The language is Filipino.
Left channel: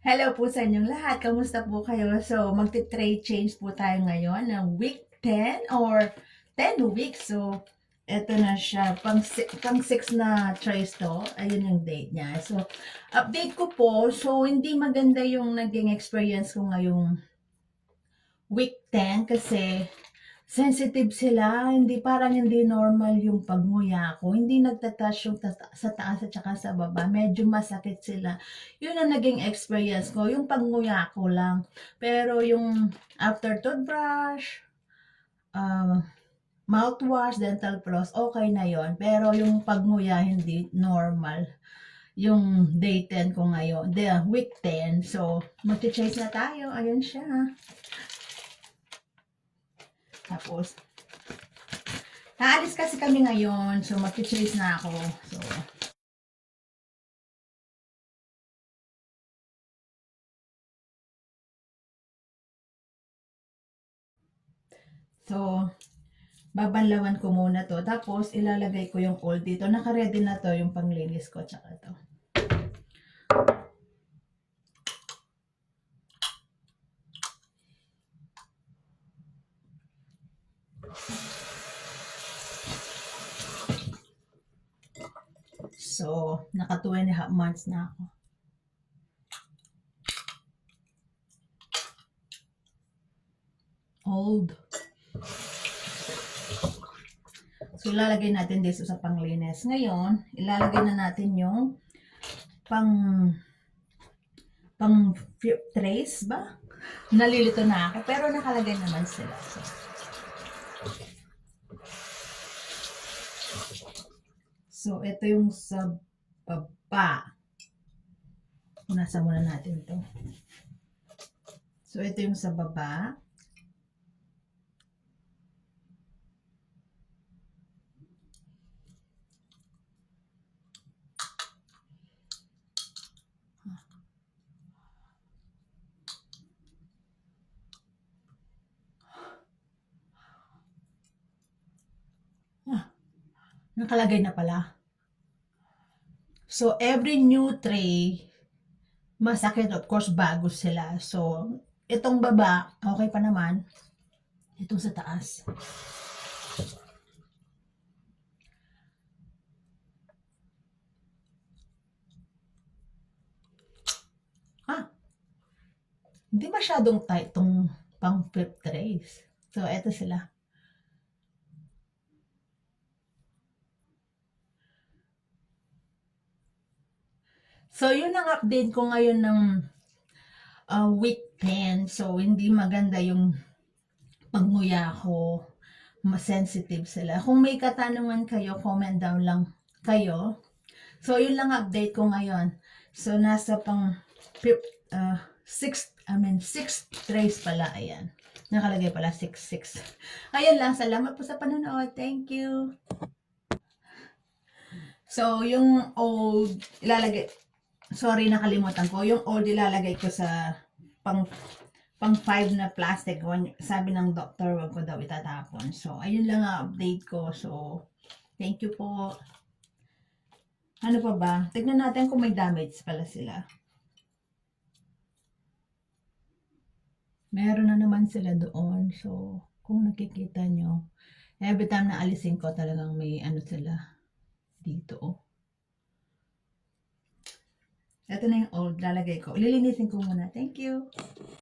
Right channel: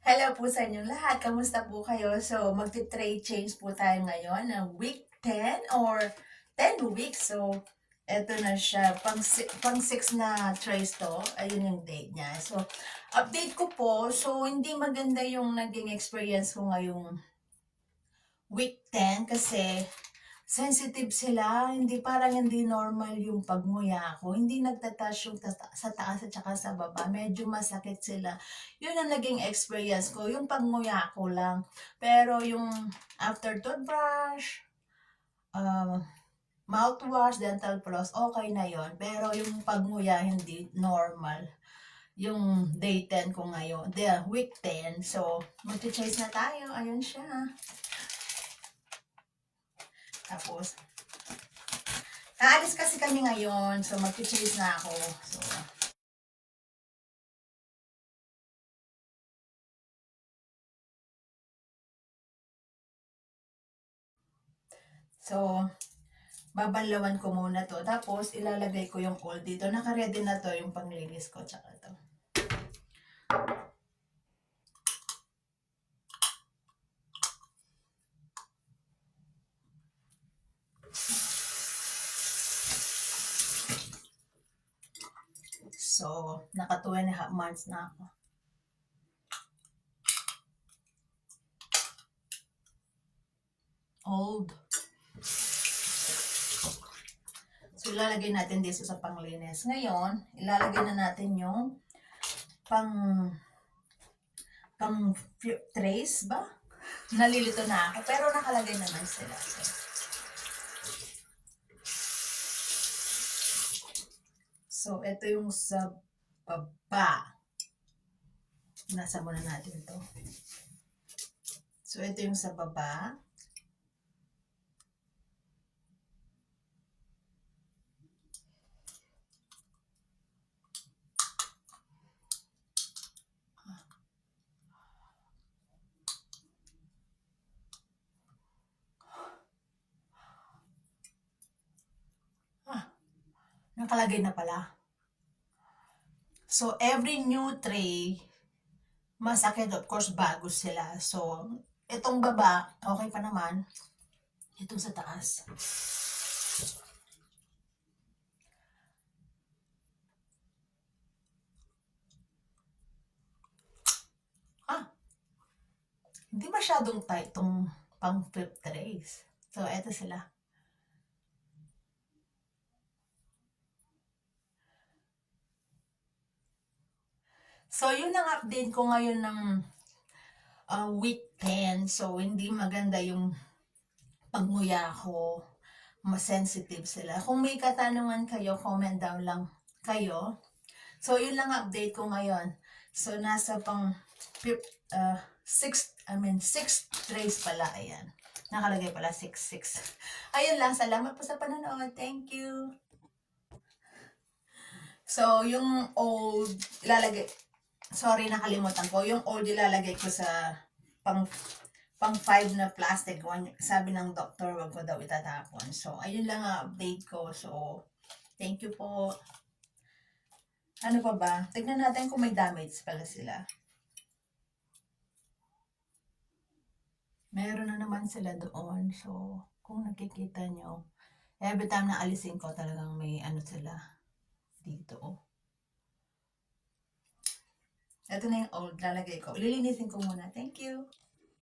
Hello po sa inyong lahat. Kamusta po kayo? So, magti-trade change po tayo ngayon ng week 10 or 10 weeks. So, eto na siya. Pang 6 na trace to. Ayun yung date niya. So, update ko po. So, hindi maganda yung naging experience ko ngayong week 10 kasi sensitive sila, hindi parang hindi normal yung pagnguya ko. Hindi nagtataas yung sa taas at saka sa baba. Medyo masakit sila. Yun ang naging experience ko, yung pagnguya ko lang. Pero yung after toothbrush, um, mouthwash, dental floss, okay na yon. Pero yung pagnguya, hindi normal. Yung day 10 ko ngayon, the week 10. So, mag-chase na tayo. Ayun siya. Tapos, naalis kasi kami ngayon, so mag-chase na ako. So, babanlawan ko muna to. Tapos, ilalagay ko yung old dito. Naka-ready na to yung panglinis ko, tsaka to. So, naka 2.5 months na ako. Old. So, ilalagay natin dito sa panglinis. Ngayon, ilalagay na natin yung pang trace ba? Nalilito na ako, pero nakalagay naman sila. So, ito yung sa baba. Nasa muna natin to. So, ito yung sa baba. Nakalagay na pala. So, every new tray, masakit, of course, bago sila. So, itong baba, okay pa naman. Itong sa taas. Hindi masyadong tight itong pang flip trays. So, eto sila. So, yun ang update ko ngayon ng week 10. So, hindi maganda yung pagnguya ko. Mas sensitive sila. Kung may katanungan kayo, comment down lang kayo. So, yun lang update ko ngayon. So, nasa pang 6 trays pala. Ayan. Nakalagay pala 6. Ayan lang. Salamat po sa panonood. Thank you. So, yung old, ilalagay, sorry, nakalimutan ko. Yung old, ilalagay ko sa pang 5 na plastic. Sabi ng doctor, wag ko daw itatapon. So, ayun lang ang update ko. So, thank you po. Ano pa ba? Tignan natin kung may damage pala sila. Meron na naman sila doon. So, kung nakikita nyo, every time na alisin ko, talagang may ano sila dito. Ito na yung old, lalagay ko. Lilinisin ko muna. Thank you.